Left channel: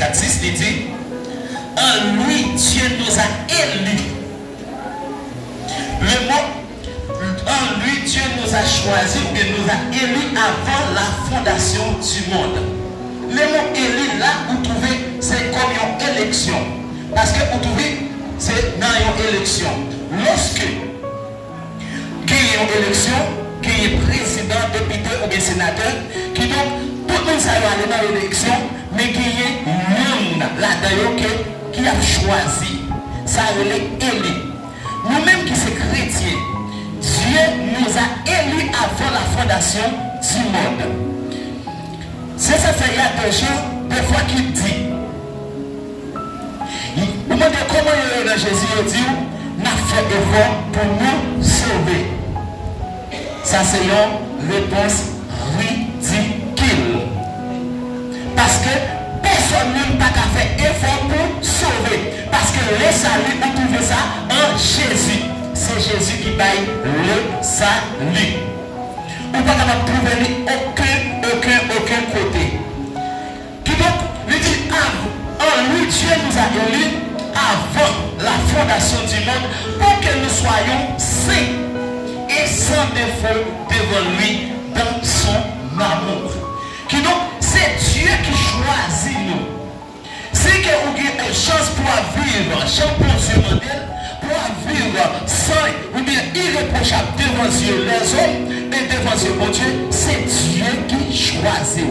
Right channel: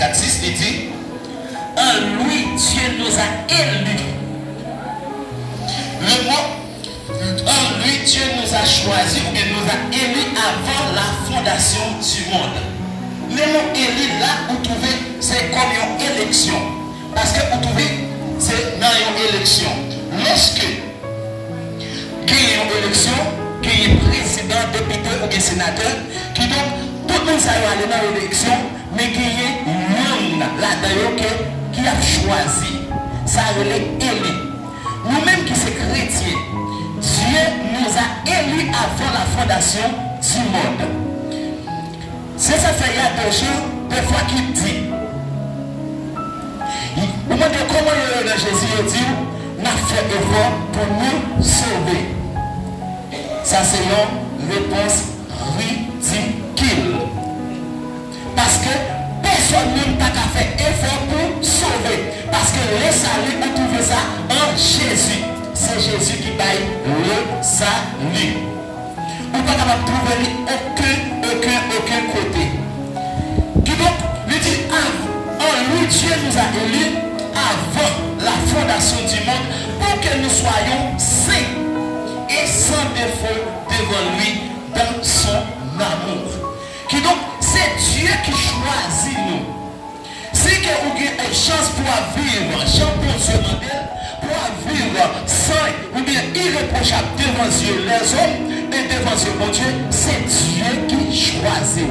54-6, il dit, en lui, Dieu nous a élus. Le mot, en lui, Dieu nous a choisis, ou qu'il nous a élus avant la fondation du monde. Le mot élu là, vous trouvez, c'est comme une élection. Parce que vous trouvez, c'est dans une élection. Lorsque il y a une élection, qu'il y a président, député ou bien sénateur, qui donc, tout le monde s'est allé dans l'élection, mais qu'il y a un monde là-dedans qui a choisi. Ça relève élu. Nous-mêmes qui sommes chrétiens, Dieu nous a élus avant la fondation du monde. C'est ça fait il y a 2 jours, des fois qu'il dit. Vous me demandez comment il y a Jésus dit, n'a fait effort pour nous sauver. Ça c'est une réponse ridicule. Parce que personne n'a pas qu'à faire effort pour sauver. Parce que le salut, on trouve ça en Jésus. C'est Jésus qui paye le salut. On ne peut pas trouver aucun côté. Qui donc lui dit, en lui, Dieu nous a élus avant la fondation du monde pour que nous soyons saints et sans défaut devant lui dans son amour. Qui donc, c'est Dieu qui choisit nous. C'est que vous avez une chance pour vivre, chance pour Dieu modèle, pour vivre saint ou bien irréprochable devant Dieu les hommes et devant Dieu mon Dieu, c'est Dieu qui choisit.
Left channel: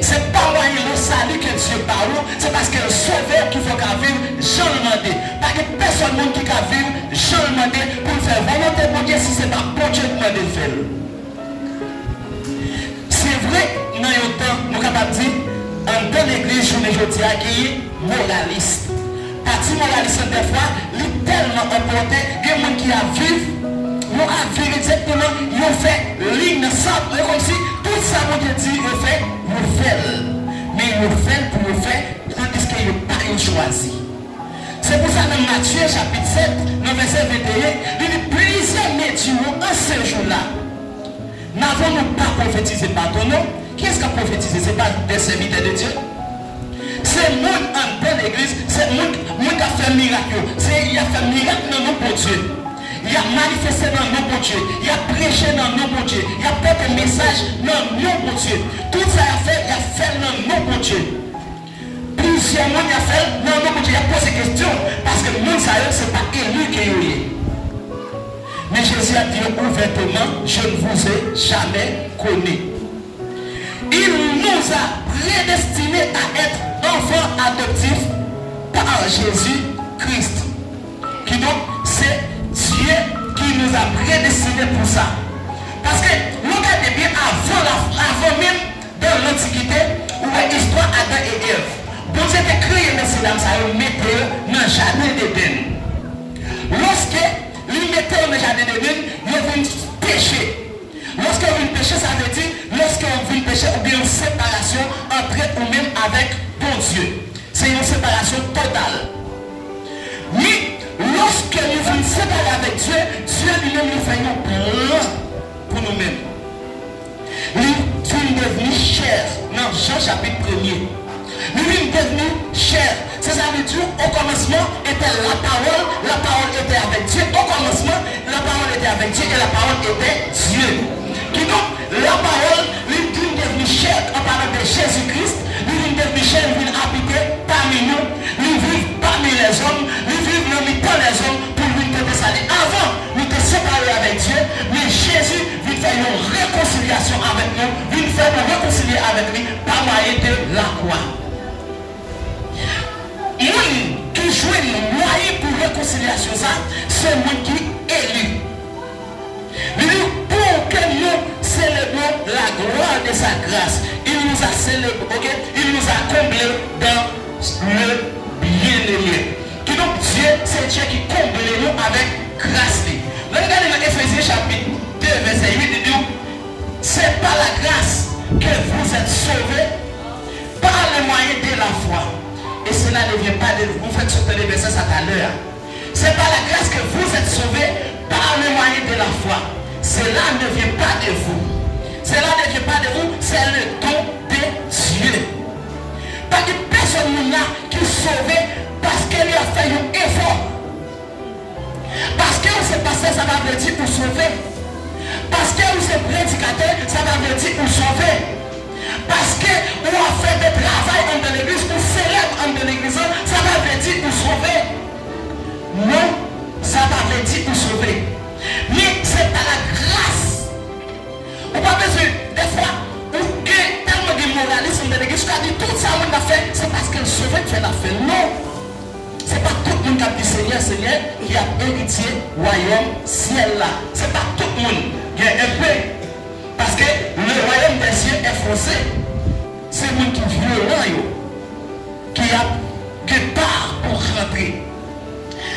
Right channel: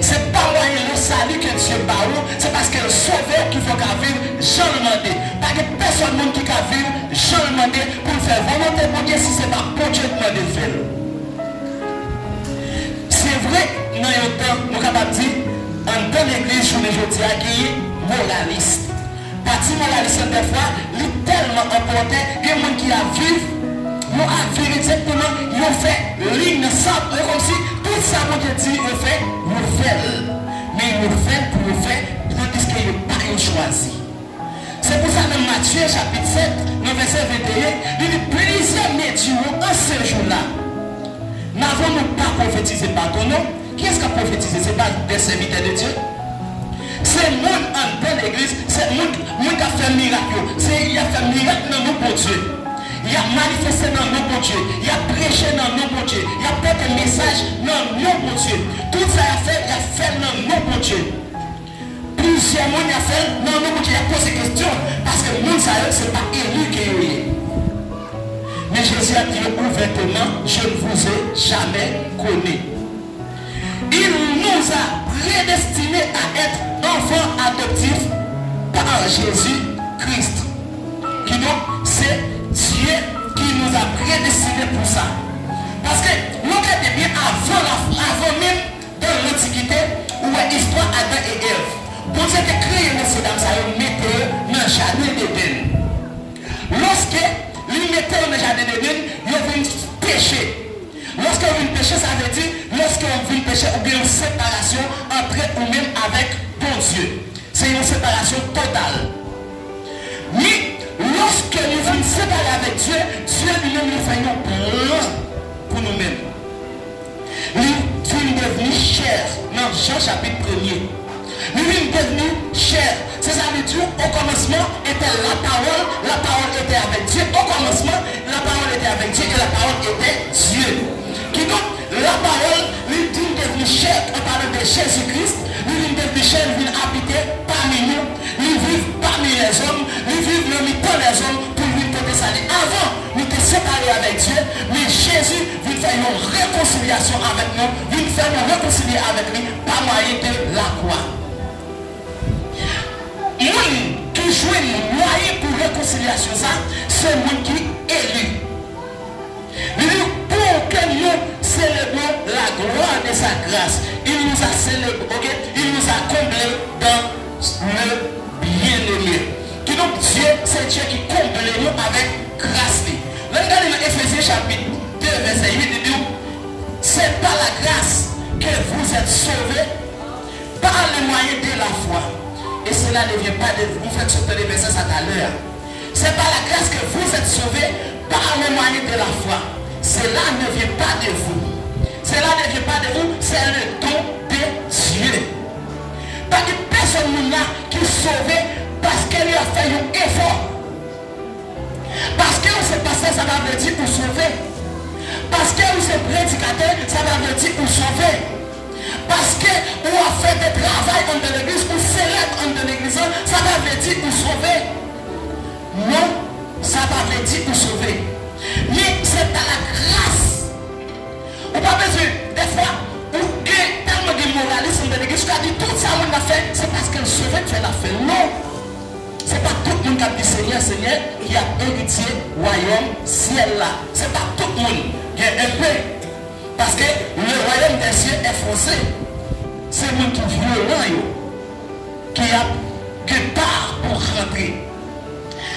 C'est pas moi le salut que Dieu parle, c'est parce que le sauveur qui faut qu'à vivre, j'en demandé. Parce que personne qui a vivre, j'en demandé pour faire volonté pour Dieu si c'est pas pour Dieu qui m'a fait. C'est vrai, dans le temps, nous sommes capables de dire, dans l'église, je ne dis pas qui est moraliste. Parti moraliste, des fois, il est tellement emporté que les gens qui a vécu, nous a vécu exactement, ils ont fait ligne sans, comme si tout ça, mon Dieu dit, ils fait, nous fait. Mais ils fait pour nous faire, tandis qu'ils n'ont pas choisi. C'est pour ça, dans Matthieu, chapitre 7, dans verset 21, il dit, plusieurs médias en ce jour-là. N'avons-nous pas prophétisé par ton nom? Qui est-ce qui a prophétisé? Ce n'est pas des serviteurs de Dieu. C'est le monde en belle église, c'est le monde qui a fait miracle. Il a fait miracle dans nous pour Dieu. Il a manifesté dans nous pour Dieu. Il a prêché dans nous pour Dieu. Il a porté un message dans nous pour Dieu. Tout ça il a fait dans nous pour Dieu. Plusieurs monde il a fait dans nous pour Dieu. Il a posé des questions parce que le monde ce n'est pas élu qui est. Mais Jésus a dit ouvertement, je ne vous ai jamais connu. Il nous a prédestinés à être enfants adoptifs par Jésus-Christ. Qui donc, c'est Dieu qui nous a prédestinés pour ça. Parce que nous regardons bien avant même dans l'Antiquité, où l'histoire Adam et Ève. Bon Dieu a créé messieurs dames, ça a mis dans le jardin d'Éden. Lorsque il mettait dans le jardin d'Éden, il y avait une péché. Lorsqu'on vient pécher, ça veut dire, lorsqu'on vient pécher, ou bien une séparation entre ou même avec bon Dieu. C'est une séparation totale. Mais lorsque nous venons séparer avec Dieu, Dieu lui-même nous fait un plan pour nous-mêmes. Il vient devenir chair. Dans Jean chapitre 1er. Il vient devenir chair. C'est ça veut dire, au commencement était la parole était avec Dieu. Au commencement, la parole était avec Dieu et la parole était Dieu. Qui donc, la parole, lui vient devenir chair en parlant de Jésus-Christ, lui vient devenir chair, il vient habiter parmi nous, lui vit parmi les hommes, lui vit parmi tous les hommes pour lui te salir. Avant, nous étions séparés avec Dieu, mais Jésus vient faire une réconciliation avec nous, vient faire nous réconcilier avec lui par moyen de la croix. Moi qui joue un moyen pour réconciliation, c'est moi qui élu. Pour que nous célébrons la gloire de sa grâce, il nous a célébré, il nous a comblés dans le bien-aimé. Qui donc Dieu, c'est Dieu qui comble nous avec grâce. Regardez dans Éphésiens chapitre 2, verset 8, il dit, c'est par la grâce que vous êtes sauvés par le moyen de la foi. Et cela ne vient pas de vous. Vous faites sauter les versets à l'heure. C'est par la grâce que vous êtes sauvés par le moyen de la foi. Cela ne vient pas de vous. Cela ne vient pas de vous, c'est le don de Dieu. Pas que personne qui est sauvée parce qu'elle a fait un effort. Parce que c'est pasteur, ça va veut dire pour sauver. Parce que c'est prédicateur, ça va veut dire pour sauver. Parce que on a fait des travail en de l'église, on célèbre en de l'église, ça va veut dire pour sauver. Non, ça va veut dire pour sauver. Mais c'est par la grâce. On n'a pas besoin, des fois, on a tellement de moralisme de l'église, on a dit tout ça on a fait, c'est parce que le sauver tu l'as fait. Non. Ce n'est pas tout le monde qui a dit Seigneur, Seigneur, qui a hérité royaume ciel là. Ce n'est pas tout le monde qui est un peu. Parce que le royaume des cieux est foncé. C'est le monde qui est violent, qui part pour rentrer.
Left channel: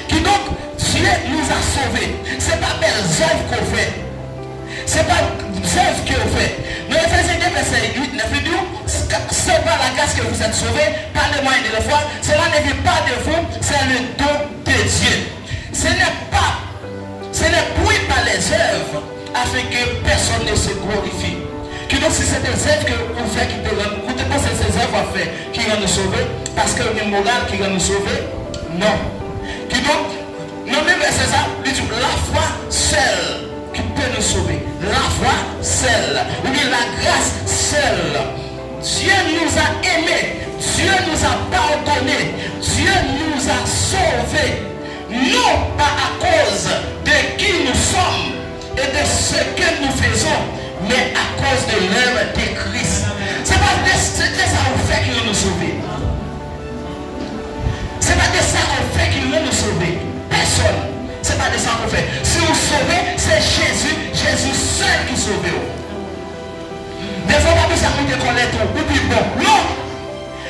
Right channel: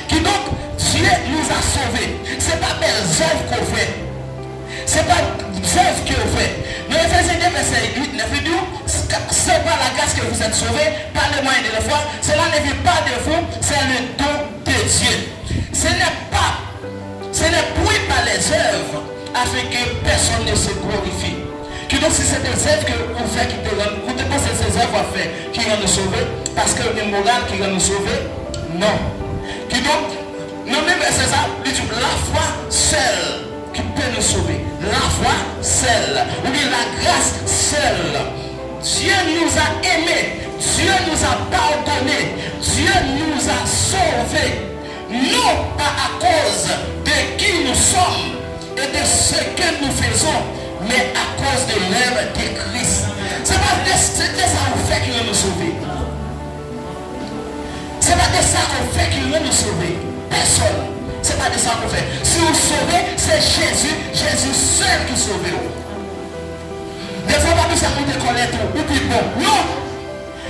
Qui donc, Dieu nous a sauvés. Ce n'est pas des œuvres qu'on fait. Ce n'est pas des œuvres qu'on fait. Mais Ephésiens 2, verset 8, il dit, c'est par la grâce que vous êtes sauvés, par le moyen de la foi. Cela ne vient pas de vous, c'est le don de Dieu. Ce n'est point par les œuvres afin que personne ne se glorifie. Qui donc si c'est des œuvres que vous faites qui te rendent, vous pensez que ces œuvres qui rendent nous sauver, parce que le moral qui rend nous sauver, non. Qui donc, nous-mêmes c'est ça, la foi seule qui peut nous sauver. La foi seule, ou bien la grâce seule. Dieu nous a aimés, Dieu nous a pardonnés, Dieu nous a sauvés, non pas à cause de qui nous sommes et de ce que nous faisons, mais à cause de l'œuvre de Christ. C'est pas de ça qu'on fait qu'il va nous sauver. C'est pas de ça qu'on fait qu'il va nous sauver. Personne. C'est pas de ça qu'on fait. Si vous sauvez, c'est Jésus, Jésus seul qui sauve. Des fois, pas besoin de connaître ou puis bon. Non.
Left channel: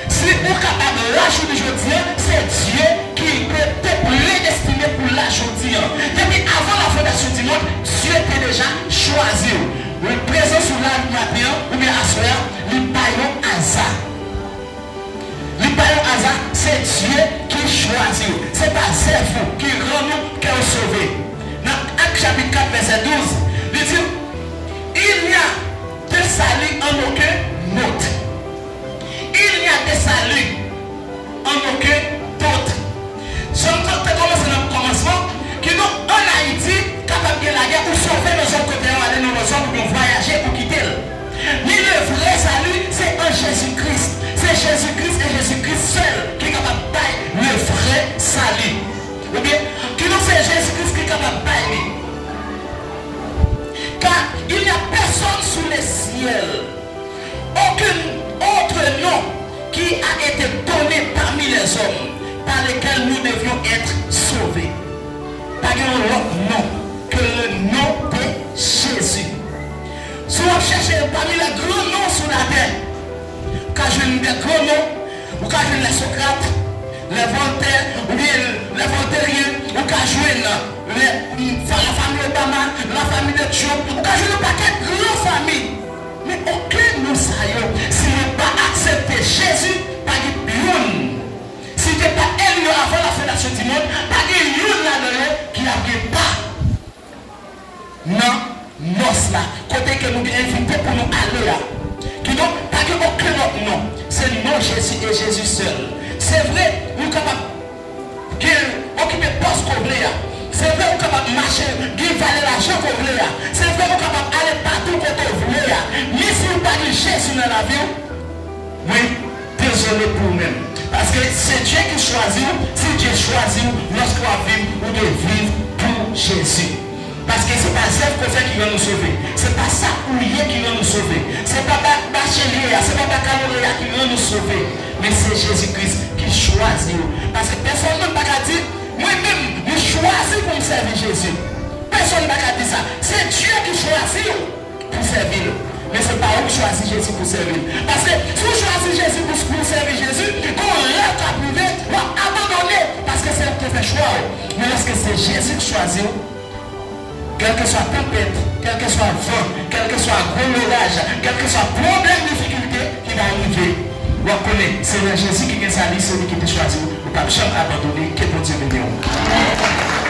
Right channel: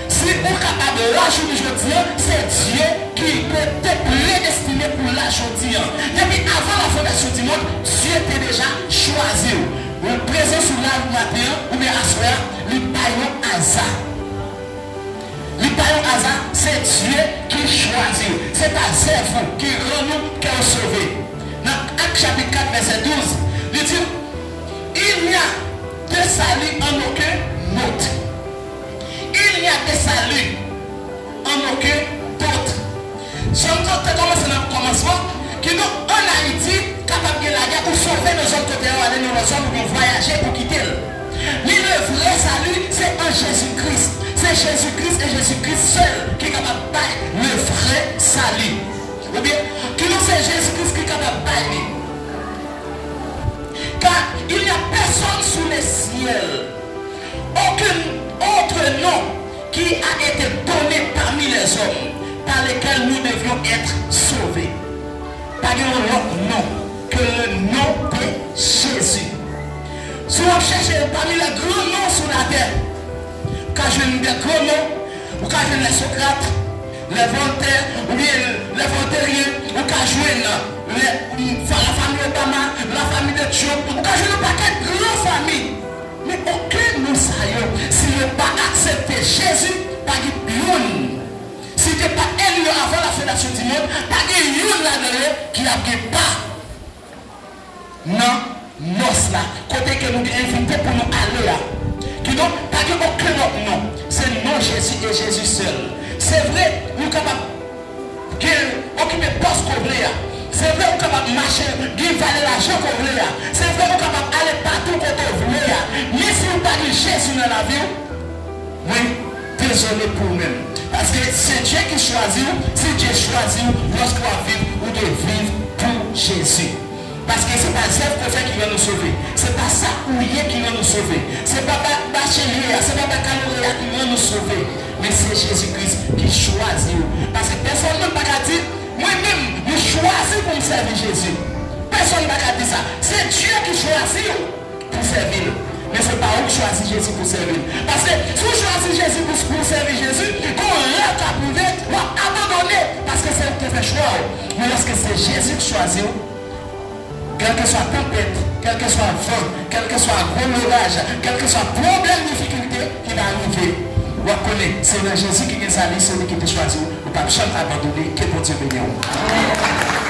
Si vous êtes capable de lâcher aujourd'hui, c'est Dieu qui peut te prédestiner pour lâcher aujourd'hui. Depuis avant la fondation du monde, Dieu t'a déjà choisi. Le présent sur la matin, ou bien à soir, le paillon hasard. Le paillon hasard, c'est Dieu qui choisit. C'est pas vous qui rend nous qui est sauvé. Dans Actes chapitre 4, verset 12, il dit, il n'y a de salut en aucun autre. Il n'y a de salut en aucun autre. Si on commence dans le commencement, qui nous en Haïti, capable de la guerre pour sauver nos autres côtés, aller dans nos zones pour voyager, pour quitter. Mais le vrai salut, c'est en Jésus-Christ. C'est Jésus-Christ et Jésus-Christ seul qui est capable de bailler le vrai salut. Ou bien, qui nous c'est Jésus-Christ qui est capable de bailler. Car il n'y a personne sous le ciel, aucun autre nom qui a été donné parmi les hommes par lesquels nous devions être sauvés. Pas un autre nom que le nom de Jésus. Si on cherche parmi les grands noms sur la terre, quand je dis des grands noms, ou quand je les Socrates, les Voltaire, ou bien les Voltairiens, ou quand je la famille Obama, la famille de Trump, ou quand je ne pas qu'une grande famille. Mais aucun nous saillons, si nous pas accepté Jésus, pas de l'une. Si tu n'es pas élu avant la fondation du monde, pas de l'une là-dedans qui n'a pas. Non, non, là, côté que nous avons invité pour nous aller là. Qui n'ont pas de aucun autre nom. C'est le nom Jésus et Jésus seul. C'est vrai, nous sommes capables d'occuper le poste qu'on voulait là. C'est vrai, nous sommes capables de marcher, de valer l'argent qu'on voulait là. C'est vrai, nous sommes capables d'aller partout qu'on voulait là. Mais si vous parlez de Jésus dans la vie, oui, désolé pour vous-même. Parce que c'est Dieu qui choisit, si Dieu choisit, lorsqu'on va vivre ou de vivre pour Jésus. Parce que ce n'est pas ça qui va nous sauver. Ce n'est pas ça qui va nous sauver. Ce n'est pas Bachelier, ce n'est pas Bacalauréat qui va nous sauver. Mais c'est Jésus-Christ qui choisit. Parce que personne ne va dire, moi-même, je choisis pour me servir Jésus. Personne ne va dire ça. C'est Dieu qui choisit pour servir. Mais ce n'est pas vous qui choisissez Jésus pour servir. Parce que si vous choisissez Jésus pour servir Jésus, comment l'être à privé, va abandonner. Parce que c'est vous qui fait choix. Mais lorsque c'est Jésus qui choisit, quel que soit tempête, quel que soit vent, quel que soit gros orage, quel que soit problème, difficulté qui va arriver, vous connaissez, c'est le Jésus qui est salé, celui qui te choisi, vous ne pouvez jamais abandonner, que pour Dieu bénisse.